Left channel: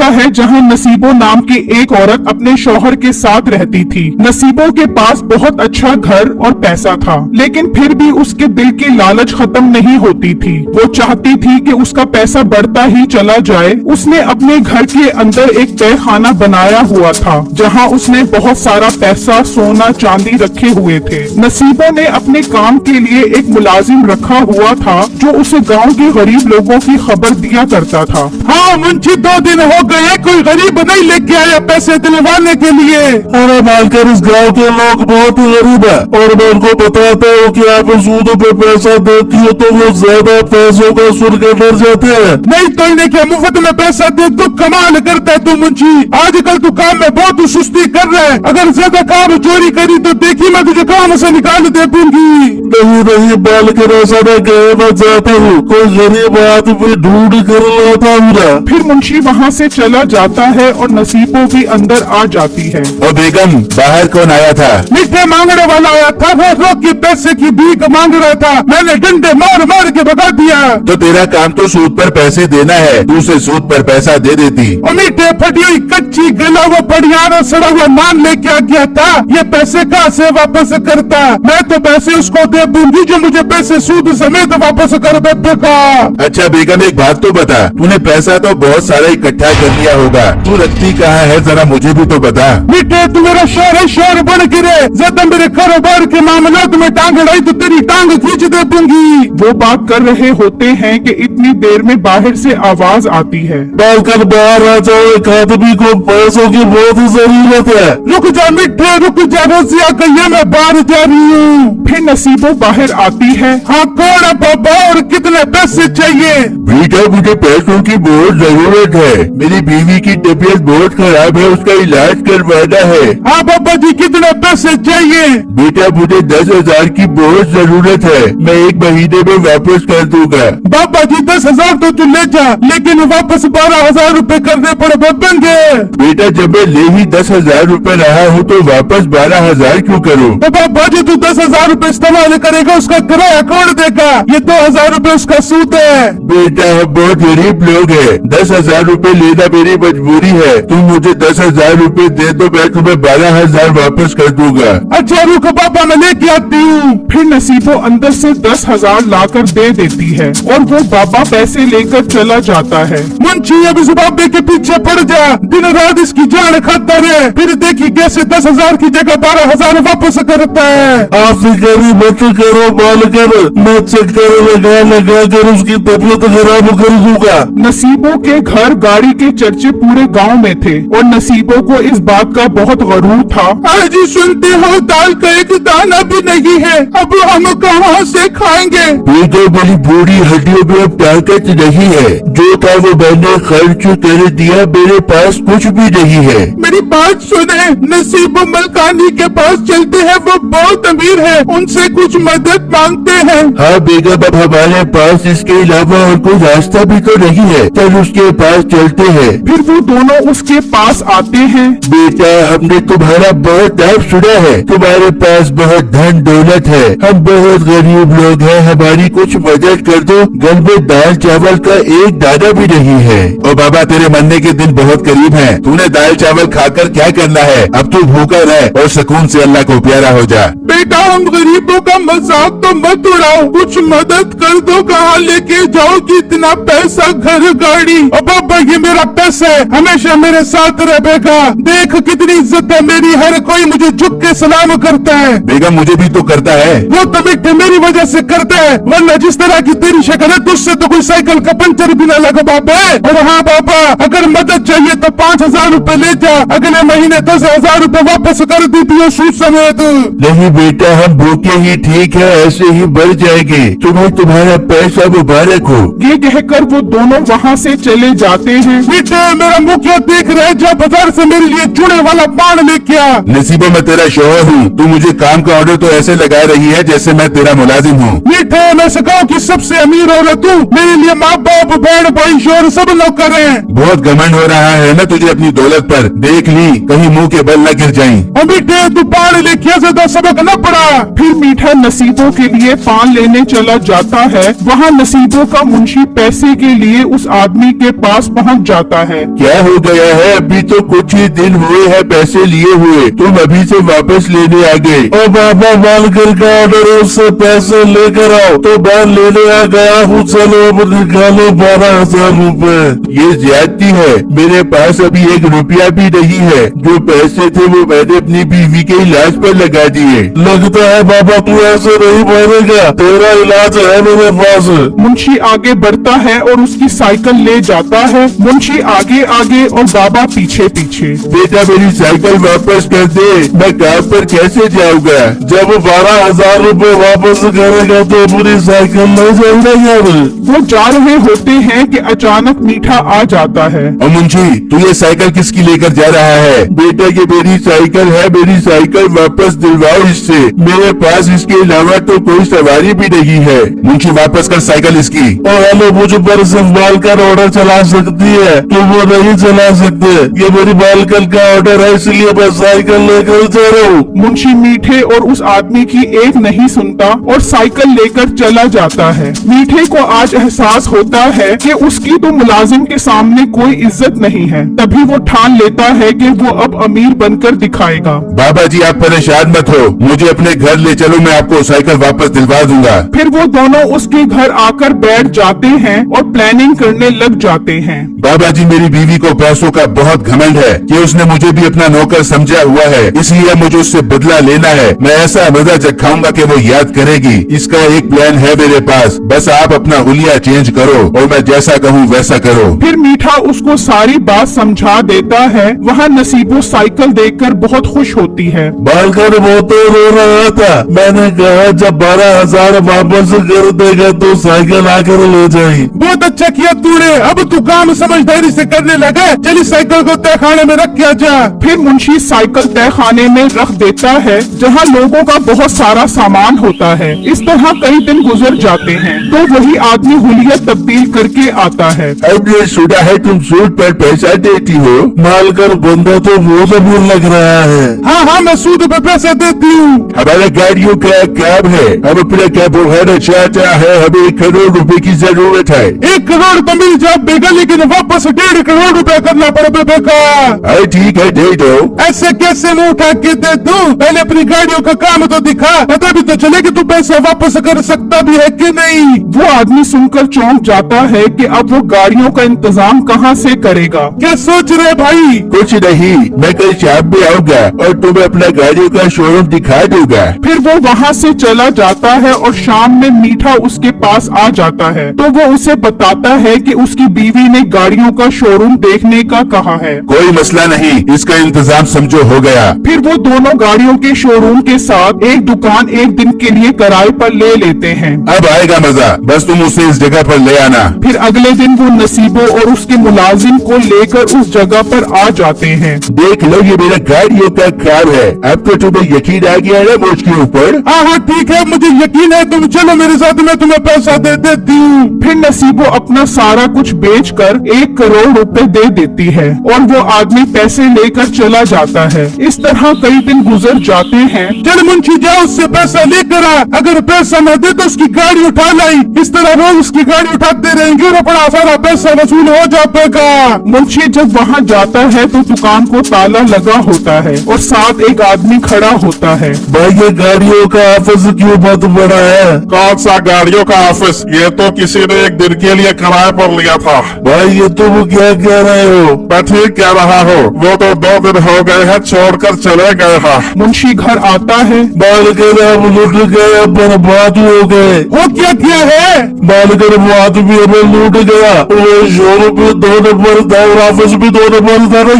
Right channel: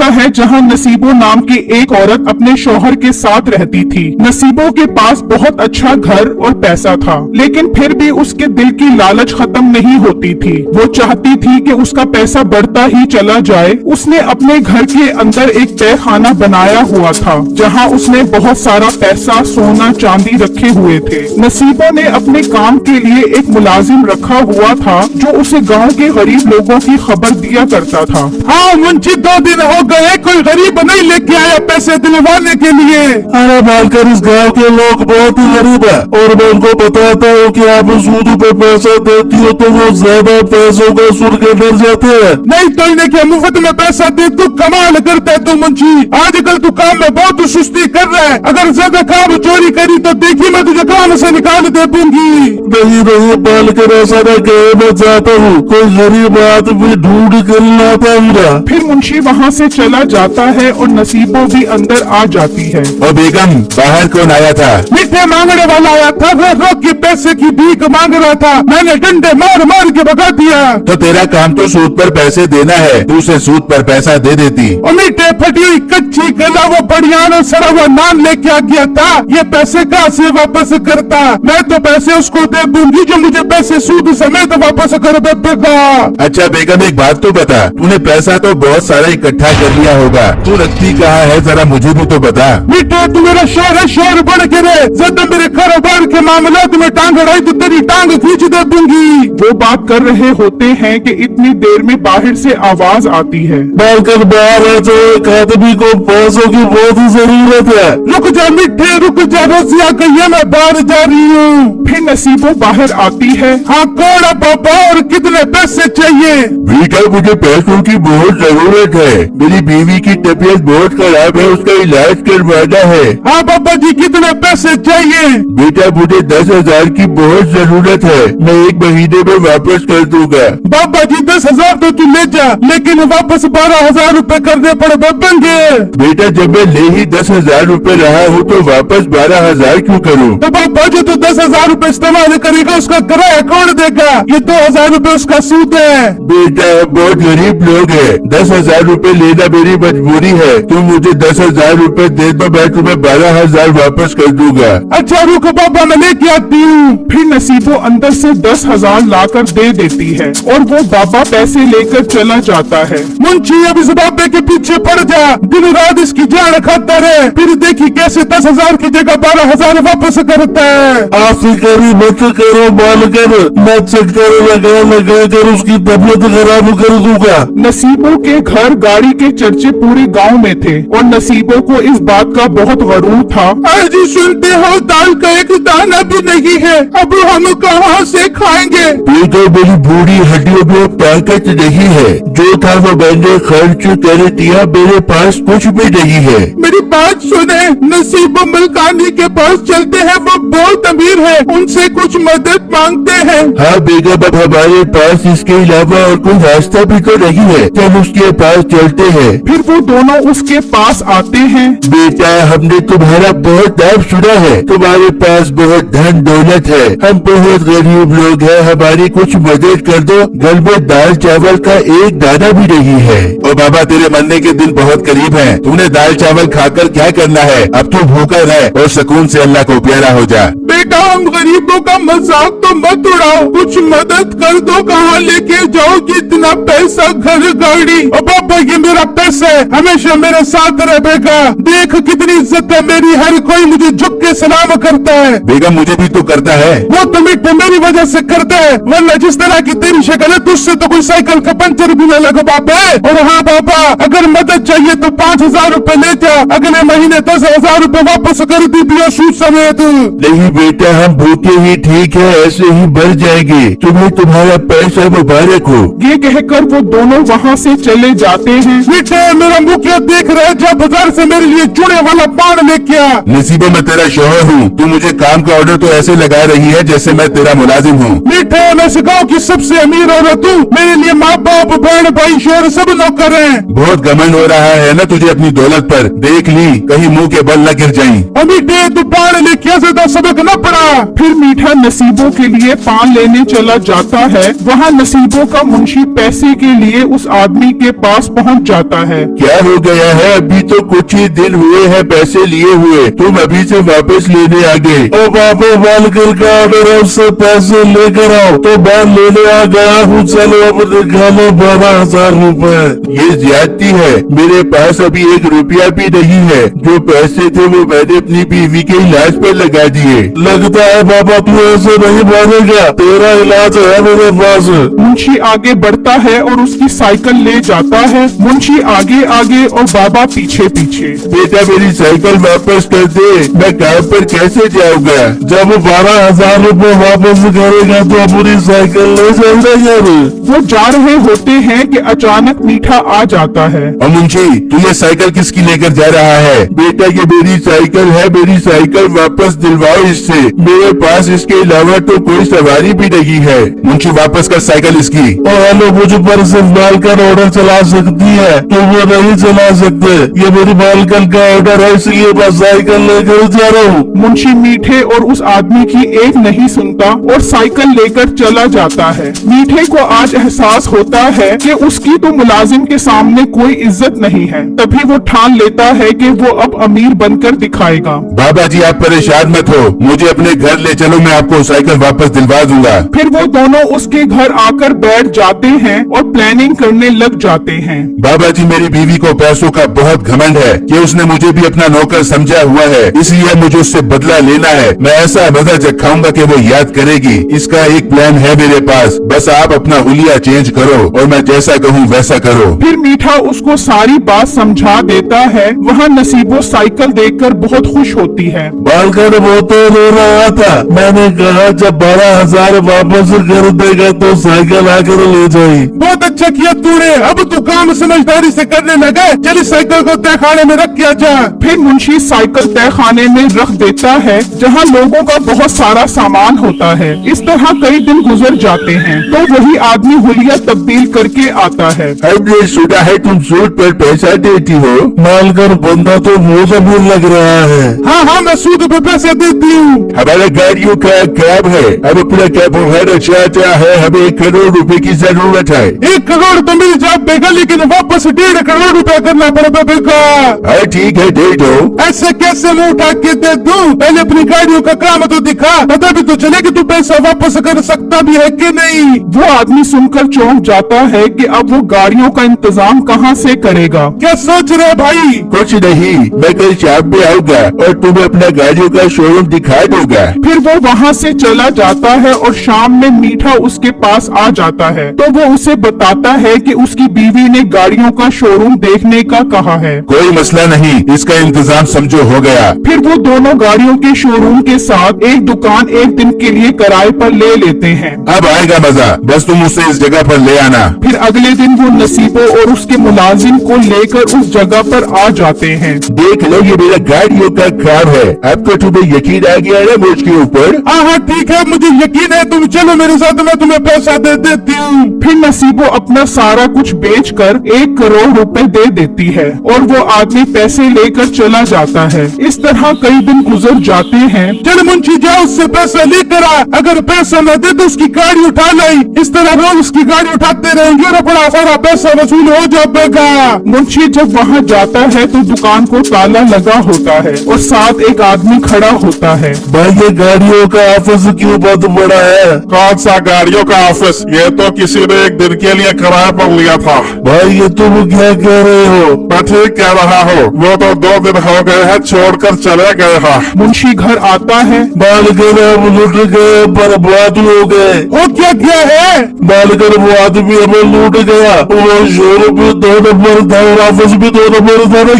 ऐसा है जहां नसीबो नाम की एक औरत अपने शौहर के साथ रहती थी। नसीबो के पास बहुत अच्छा घर और पैसा था, लेकिन फिर भी उसके दिल की लालच खत्म नहीं होती थी। वो चाहती थी कि उसका पैसा बढ़ता ही चला जाए। उसने अपने घर के अंदर एक तहखाना बनाया हुआ था, जहां उसने बहुत सारा पैसा, सोना, चांदी रखे हुए थे। नसीबो ने अपने काम के लिए एक मुलाजिम रखा हुआ था, जो उसे गाँव के गरीब लोगों की खबर दिया करता था। हाँ मुंशी, 2 दिन हो गए, कोई गरीब नहीं लेके आया पैसे दिलवाने के लिए। अरे मालकर, इस गांव के लोग बहुत ही गरीब है और मैं उनको बताता हूँ कि आप सूद पे पैसा देती हो तो वो ज्यादा पैसों का सुन के डर जाते हैं। नहीं तो इन्हें क्या मुफ्त में पैसा दे तो कमाल करता है तो मुंशी। आजकल तू काम में बहुत सुस्ती कर रहा है। अगर ज्यादा काम चोरी करी तो देखी मैं तुझे काम से निकाल दे दूंगी। नहीं नहीं मालकर, ऐसा मैं कहना चाहता हूँ, कोई गरीब आदमी ढूंढ कर लाता हूँ ना। फिर मुंशी वहाँ से चला जाता है और नसीबो भी अंदर आ जाती है। और बेगम, बाहर कौन आया था? मीठे मांगने वाला आया था, वो रोज की पैसे की भीख मांग रहा था। मैंने डंडा मार मार के भगा दिया। तो तेरा काम तो सूद पर पैसे देना है, तू उसे सूद पर पैसा दे देती। और मीठे फटी हुई कच्ची गला वो बढ़िया सड़ा हुआ नान लेके आ गया था। ये पैसे कहाँ से वापस करता? मैं तो पैसे उसको दे दूंगी जो मुझे पैसे सूद समेत वापस कर देगा। अच्छा बेगम, एक बात तो बता, तूने पैसा तो बहुत सारा इकट्ठा कर लिया होगा, तू रखती कहाँ है, जरा मुझे भी तो बता। मीठे तुम्हारा शोर है, शोर बढ़ गिरे। ज्यादा मेरे कारोबार के मामले में टांग अड़ाई तो तेरी टांग खींच दे दूंगी। वो बात कर रहे होते हैं कि इतनी देर में बाहर से आवाज आती है। मालकर बाहर आ जाओ, एक आदमी को पैसों की बहुत जरूरत है। रुक जा मीठे, रुक जा, रसिया कहिए मैं बाहर जा रही हूँ। फिर नसीबो बाहर आती है। हाँ कौन है बाबा और कितने पैसे चाहिए? बेटा, मुझे पैसों की बहुत जरूरत है। मेरी बीवी की तबीयत बहुत खराब है, उसका इलाज करवाना है। हाँ बाबा जी, कितने पैसे चाहिए? बेटा, मुझे 10,000 की बहुत जरूरत है, मैं 1 महीने में वापस कर दूंगा। बाबा जी 10,000 तो तू ले जा, लेकिन वापस 12,000 रूपए करने पड़ बनेंगे। बेटा, जब मैं ले ही 10,000 रूपए रहा हूँ तो वापस 12,000 क्यों करूँ? तो बाबा जी तू 10,000 रूपए इस्तेमाल करेगा, उसका किराया कौन देगा? ये 2,000 रूपए उसका सूद है। बेटा, हम बहुत गरीब लोग हैं, 10,000 रूपए लेना मेरी मजबूरी है। तुम मुझे 10,000 रूपए दे तो मैं तुम्हें 12,000 वापस कर दूंगा। अच्छा रुको बाबा, मैं लेके आती हूँ। फिर नसीबो अंदर से 10,000 लाकर दे देती है और वो बाबा पैसे लेकर चला जाता है। मुंशी अब इस बाबे के पीछे पड़ जा, दिन रात इसकी जान खाता रहे, फिर देखी कैसे 10,000 की जगह 12,000 वापस करता है। आप फिक्र मत करो मालकर, मैं चक्कर लगा कर उसकी तबीयत खराब कर दूंगा। नसीबो के घर गाड़ी के चर्चे पूरे गांव में थे और नसीबो को इस बात का बहुत गरूर था। आज सुनते हो दाल का एक दाना भी नहीं है, अब हम कहाँ से खाएंगे? बेटा, मेरी बूढ़ी हड्डियों में अब ताकत नहीं है, जो था वो मैंने खर्च कर दिया, मेरे पास कुछ भी नहीं है। मेरी बात सुने, नसीब मलकानी के पास चलते हैं, वो बहुत अमीर है, उनसे कुछ मदद मांगते हैं। हाँ बेगम, अब हमारे पास इसके अलावा और कोई रास्ता भी तो नहीं है, चल उसके पास चलते हैं। फिर वो दोनों उसके पास आते हैं। बेटा, हमने तुम्हारा बहुत नाम सुना है, तुम्हारे पास बहुत धन दौलत है, हम बहुत गरीब लोग हैं, हमारी कुछ मदद कर दो, घर में दाल चावल का एक दाना भी नहीं है। और बाबा, तेरे मरने के दिन बहुत करीब है, तूने दाल चावल खाकर क्या करना है? अब तू भूखा रह और सुकून से अल्लाह को प्यारा हो जा। बेटा, हम गरीबों का मजाक तो मत उड़ाओ, कुछ मदद कर दो। कहाँ लेके जाओगी इतना पैसा? घर गाड़ी? और बाबा ये मेरा पैसा है, हमेशा मेरे साथ रहेगा। देख कितनी इज्जत है मेरी, हर कोई मुझे झुक के सलाम करता है। बेगम, मुझे भी तो करता है। वो तो मिट्टी मेरी वजह से करते हैं, वरना जिस तरह की तेरी शक्ल है तुझसे तो कोई साइकिल का पंचर भी न लगे बाबे। और हाँ बाबा, अगर मदद चाहिए तो 5,000 रूपए ले जा, अगले महीने 10,000 रूपए वापस कर दी सूद समेत। नहीं बेटा, हम भूखे ही ठीक है, ऐसे ही बढ़ जाएंगे, तुम्हें तुम्हारा पैसा मुबारक हो। ये कहकर वो दोनों वहाँ से चले जाते हैं। बेटे, मेरा मुखिया देख रहा है, जो बाजार से मेरे लिए चुने वाला पान लेके आ। नसीबा, मैं तेरा शौहर हूँ, तू मुझे काम का ऑर्डर तो ऐसे लगा रही है जैसे मैं तेरा मुलाजिम हूँ। मीठे, मैं इस गाँव की सबसे अमीर है तू, मेरे लिए माँ बाप बहन भाई शोर सब नौकर हैं। बहुत घमंड हो रहा है ना तुझे अपनी दौलत पर, देख ली कहीं मुंह के बल न गिर जाएं। और मीठे, तू पान लेके आ, ज्यादा सबक न पड़ा। फिर मीठा नसीबों के लिए पान लेने चला जाता है। वहाँ नसीबों का मुंशी पैसे के लिए उस आदमी के पास पहुँच जाता है। क्या हो गया है? अभी तो कुछ ही दिन हुए हैं पैसे लिए हुए, तुम अभी से वापस लेने आ गए। ओ बाबा, मालकिन का ऑर्डर है, उससे पैसे लेकर आओ। तो मैं लेने आ गया हूँ, चलो अब निकालो 12,000 रूपए। ये ज्यादती है, मेरे पास अभी 1 रुपया भी नहीं है। जो पैसे थे वो मैंने अपनी बीवी के इलाज पर लगा दिए। लगता है बाबा तू ऐसे नहीं बोलेगा, तेरा इलाज है मेरे पास। मुंशी आगे बढ़ता है और उसकी साइकिल ले जाता है। मुंशी आगे आगे और बाबा पीछे पीछे। बेटा मेरी साइकिल वापस कर दे, मैं काम पर कैसे जाऊंगा? जब 12,000 रूपए वापस करेगा तो पूरी साइकिल ले जाएगा यार। वो जा रहे होते हैं कि अचानक मीठा आ जाता है। और मुंशी, तू ये साइकिल किसकी लेकर जा रहा है? बेटा ये मेरी साइकिल है, मेरी साइकिल वापस दिलवाओ इससे। मेरे पास इसके अलावा तो कोई सवारी भी नहीं है। मुंशी वापस कर साइकिल इसकी। और हेलो, मुझे पर सिर्फ मालकन ऑर्डर चला सकती है कि वो नहीं चला सकते। ये मेरी मालकन का ऑर्डर है, इसलिए मैं साइकिल लेकर जा रहा हूँ। मुंशी मीठे और उस आदमी की एक नहीं सुनता और साइकिल लेकर चला जाता है। मीठे को आज एहसास होता है कि उसकी तो मुलाजिम के सामने कोई इज्जत नहीं है। तभी वो ठान लेता है कि वो अब अमीर बनकर दिखाएगा। बाबा जी आप परेशान मत हो, मुझे अपने घर ले चलो, मैं आपको साइकिल वापस दिलवा दूंगा। फिर वो दोनों उसके घर आकर बैठ जाते हैं और प्लानिंग करने लग जाते हैं। बाबा जी मेरी बीवी को पैसों का बहुत घमंड है कि उसने मुझे भी अपना नौकर समझा हुआ है, इसलिए मुझे उससे बदला लेना है। मैं ऐसा मजा चखाऊंगा कि वो याद करेगी। इसका एक प्लान है मेरे पास, बस आप अपना हुलिया चेंज करो और मैं जैसा कहूँ वैसा करो। फिर मीठा उसको सारी बात समझा देता है। वहाँ नसीबो साइकिल देखकर बहुत खुश होती है। मालकन वो तो रो रहा था, मैंने कहा जब 12,000 वापस कर देगा तो साइकिल आकर ले जाए। बहुत अच्छा किया तूने, अब तू काम समझदारी से करने लगा। चली साइकिल को तहखाने में रख के जा। फिर मुंशी साइकिल तहखाने में रख देता है जहाँ लोगों का बहुत सारा सामान होता है। इस तरह कई दिन गुजर जाते हैं तो वही आदमी हुलिया तब्दील करके आता है। हमने सुना है तुम सूद पर पैसा देती हो। मालकन बंदा तो बहुत अमीर लग रहा है। हाँ हाँ, मैं सूद पे पैसे देती हूँ। हमारे गाड़ियों का काम है, हम अपना क्या बढ़ाना चाहता है, हमें 1 करोड़ रुपए की जरूरत है। 1 करोड़ तो मिल जाए देगा, लेकिन वापस 1.5 करोड़ रुपए करना पड़ेगा बेका। अरे ठीक है दे दो। ऐसे कैसे मैं उठा के दे दूं? पहले अपनी गाड़ियों का काम तो दिखा, तभी तो चले कि तू पैसा वापस कर सकता भी है कि नहीं। वो आदमी सुनकर चौंक जाता है कि अब वो गाड़ियों का इंतजाम कहाँ से करेगा। क्या सोच रहे भाई? कुछ नहीं, मैं कल शाम में आऊंगा और तुम्हें अपना गाड़ियों का शोरूम दिखा दूंगा। फिर वो वहाँ से चला जाता है और शाम में मीठा उसके पास आ जाता है तो वो उसे बताता है कि उसकी बीवी ने गाड़ियों का शोरूम देखने का कहा है। कोई मसला नहीं, इसका इंतजाम समझो हो गया। फिर वो दोनों गाड़ियों के शोरूम के साथ एक दुकान एक दिन के लिए किराए पर ले लेते हैं। अब आएगा मजा, बस तुम उसे इस जगह पर ले आना। फिर अगले दिन वो नसीबो और उसके मुलाजिम को लेकर उस जगह पर आ जाते हैं। देख लो ये मेरा गाड़ियों का काम है। अब तो तुम्हें यकीन आ गया है मुझके ऊपर। हाँ हाँ ठीक है, मुझे यकीन है, तुम चलो मेरे साथ, मैं तुम्हें पैसा दे देती हूँ। फिर नसीबो अपना सारा कुछ बेचकर 1 करोड़ रुपए दे देती है और वो आदमी पैसे लेकर चला जाता है। इस तरह कई दिन गुजर जाते हैं। चल मुंशी जा, उससे पैसा लेकर आ। अगर पैसा न दे तो उसकी गाड़ी उठा लाई। इस तरह रोज उसकी गाड़ी उठाते रहेंगे और बड़ा सारा पैसा वसूल हो जाएगा। मुंशी जब वहाँ जाता है तो दुकान को ताला लगा होता है और साथ एक आदमी खड़ा होता है। भाई ये गाड़ियों का ऑफिस क्यों बंद पड़ा है? कौन सा गाड़ियों का ऑफिस? ये तो किसी ने 1 दिन के लिए किराए पर लिया था। भाई ये तुम क्या कह रहे हो? मैं ठीक कह रहा हूँ, वो तो 2 दिन हो गए हैं छोड़कर चले गए हैं। मुंशी घर आता है। मालकन हम लूट गए, बर्बाद हो गए। वो क्या किया है? मालकन वो आदमी हमें लूट गया। वो शोरूम भी 2 नंबर था और ऑफिस भी 2 नंबर था ना।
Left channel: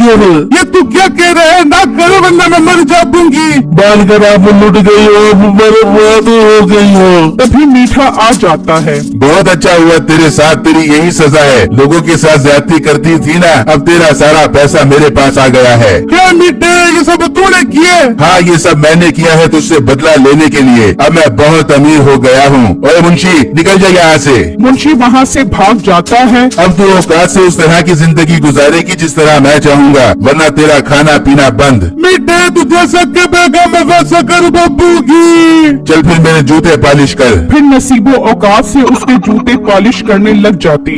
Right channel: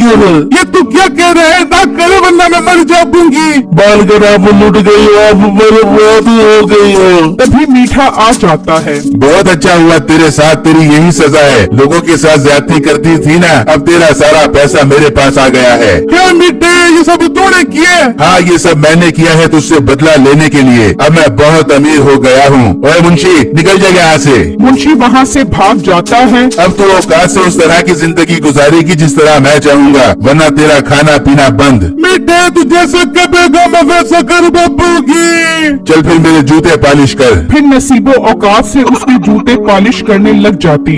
ये तू क्या कह रहे हैं? ना करो वरना मैं मर जा दूंगी। मालकन आप लूट गई, आप बर्बाद हो गई हो। तभी मीठा आ जाता है। बहुत अच्छा हुआ तेरे साथ, तेरी यही सजा है। लोगों के साथ ज्यादती करती थी ना, अब तेरा सारा पैसा मेरे पास आ गया है। क्या मिटे, ये सब तूने किए? हाँ ये सब मैंने किया है तुझसे बदला लेने के लिए। अब मैं बहुत अमीर हो गया हूँ। ओए मुंशी निकल जा यहाँ से। मुंशी वहाँ से भाग जाता है। अब तू औकात से इस तरह की जिंदगी गुजारेगी जिस तरह मैं चाहूंगा, वरना तेरा खाना पीना बंद। मिटे तुझे सके बेगम वैसा कर बाबू की। चल फिर मेरे जूते पॉलिश कर। फिर नसीबो औकात से उसके जूते पॉलिश करने लग जाती।